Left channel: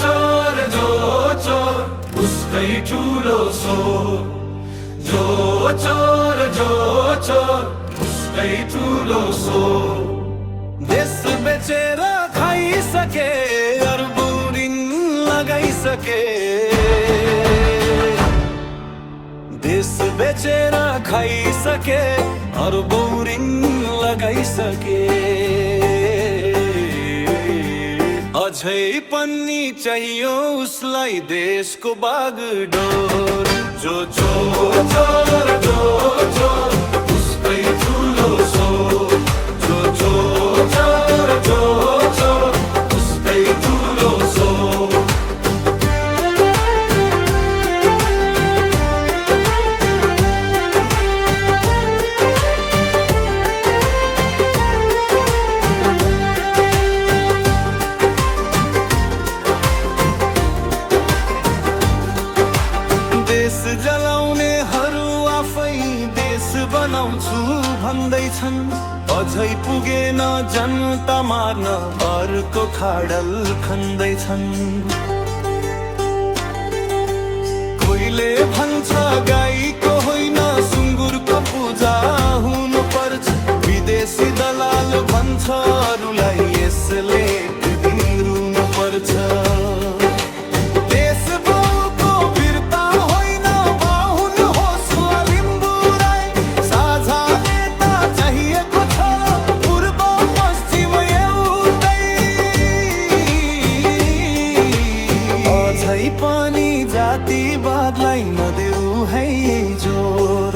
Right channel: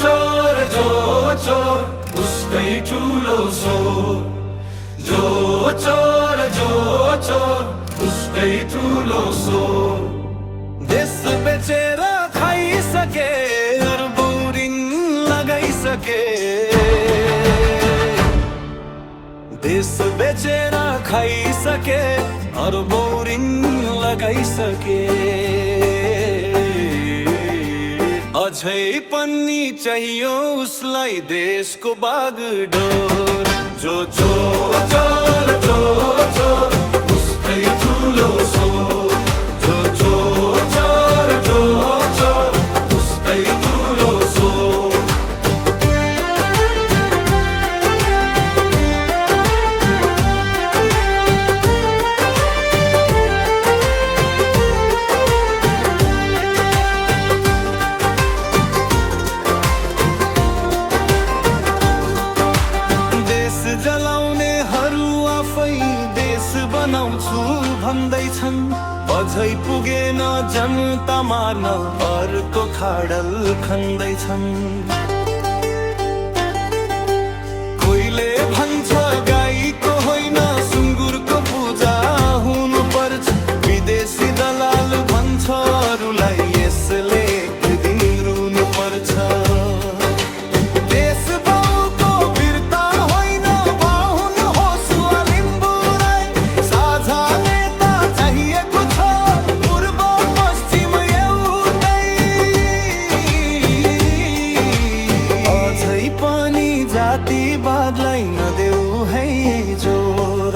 चोर उसकै ठुलो स्वर। जो चोर उसकै ठुलो स्वर। देश बेचेर खाइसके, अरबौं ऋण लगाइसके। देश बेचेर खाइसके, अरबौं ऋण लगाइसके। अझै पनि चाहियो उसलाई देशको बागडोर। जो चोर उसकै ठुलो स्वर। जो चोर उसकै ठुलो स्वर। देश जलाउनेहरू आफै देश बनाउँछु भन्दैछन्। अझै पुगेन जनता मार्न, अर्को खाडल खन्दैछन्। कोहीले भन्छ गाईको होइन सुँगुरको पूजा हुनु पर्छ। विदेशी दलाल भन्छ अरूलाई यसले एक दिन रुनु पर्छ। देश बाउको वीरता होइन बाहुन होस् वा लिम्बू राई। साझा नेता चाहिएको छ पूर्व पश्चिम एउटै। अझै पनि जातिवादलाई नदेऊ है जोर।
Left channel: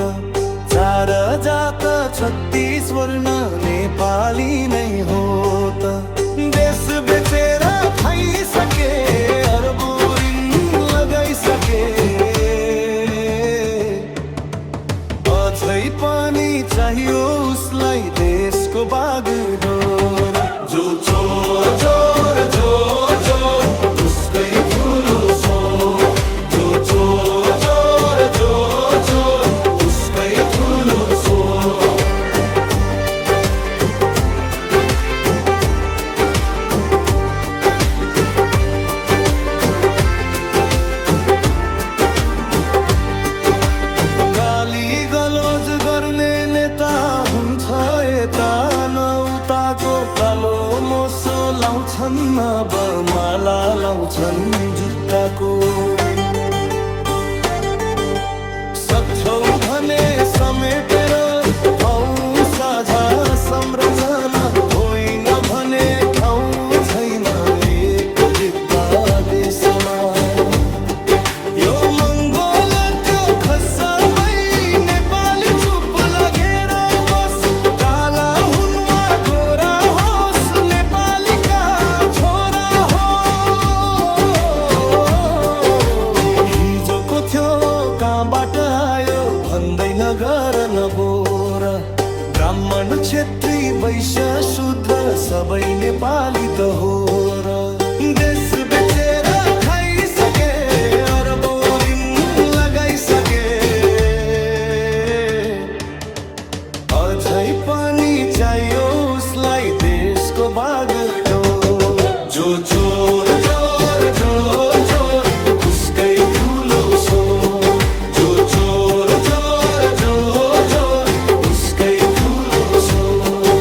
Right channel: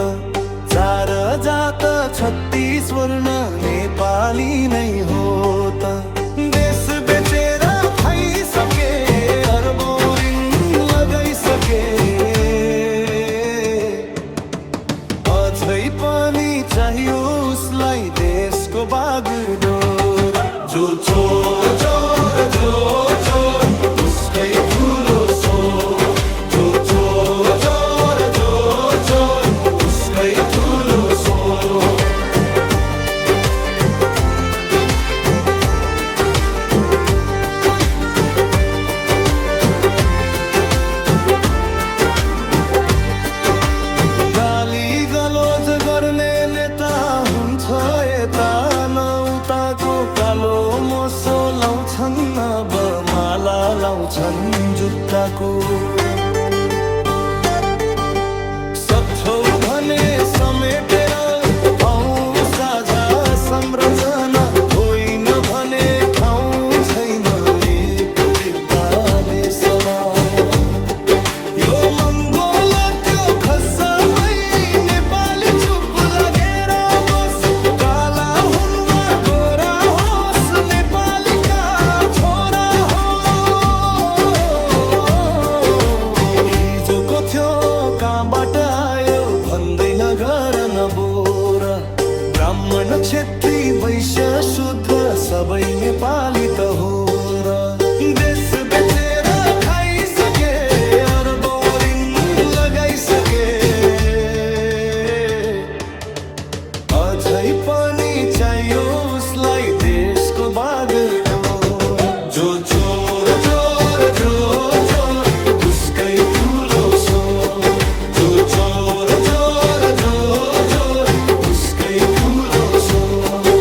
4 जात 36 वर्ण नेपाली नै हो त। देश बेचेर खाइसके, अरबौं ऋण लगाइसके। अझै पनि चाहियो उसलाई देशको बागडोर। जो चोर उसकै ठुलो स्वर। जो चोर उसकै ठुलो स्वर। गाली गलोज गर्ने नेता हुन्छ यता न उताको। कालो मोसो लाउँछन् अब माला लाउँछन् जुत्ताको। सक्छौ भने समेटेर आऊ साझा संरचना। होइन भने ठाउँ छैन एक भित्ता देशमा। यो मङ्गोल त्यो खसबै नेपाली चुप लागेर बस। काला हुन् वा गोरा होस् नेपालीका छोरा हो। हिजोको थियो कहाँबाट आयो भन्दैन गर न बोर। ब्राह्मण क्षेत्री वैश्य शूद्र सबै नेपाली त हो र। देश बेचेर खाइसके, अरबौं ऋण लगाइसके। अझै पनि चाहियो उसलाई देशको बागडोर। जो चोर उसकै ठुलो स्वर। जो चोर उसकै ठुलो स्वर।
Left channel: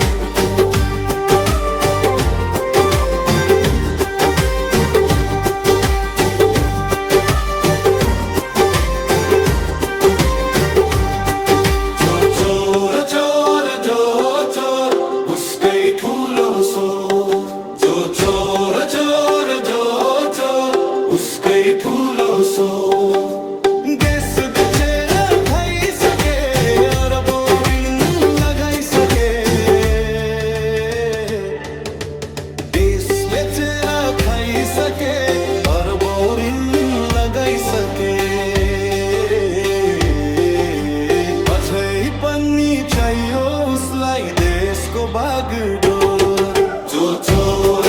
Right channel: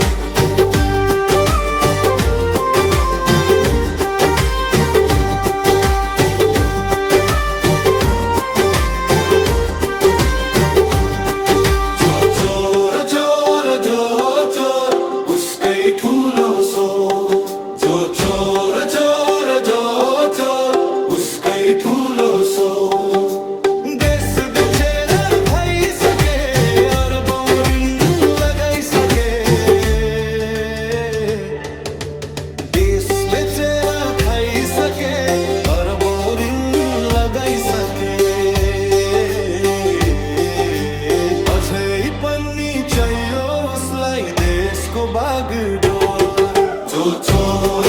जो चोर उसकै ठुलो स्वर। जो चोर उसकै ठुलो स्वर। देश बेचेर खाइसके, अरबौं ऋण लगाइसके। देश बेचेर खाइसके, अरबौं ऋण लगाइसके। अझै पनि चाहियो उसलाई देशको बागडोर। जो चोर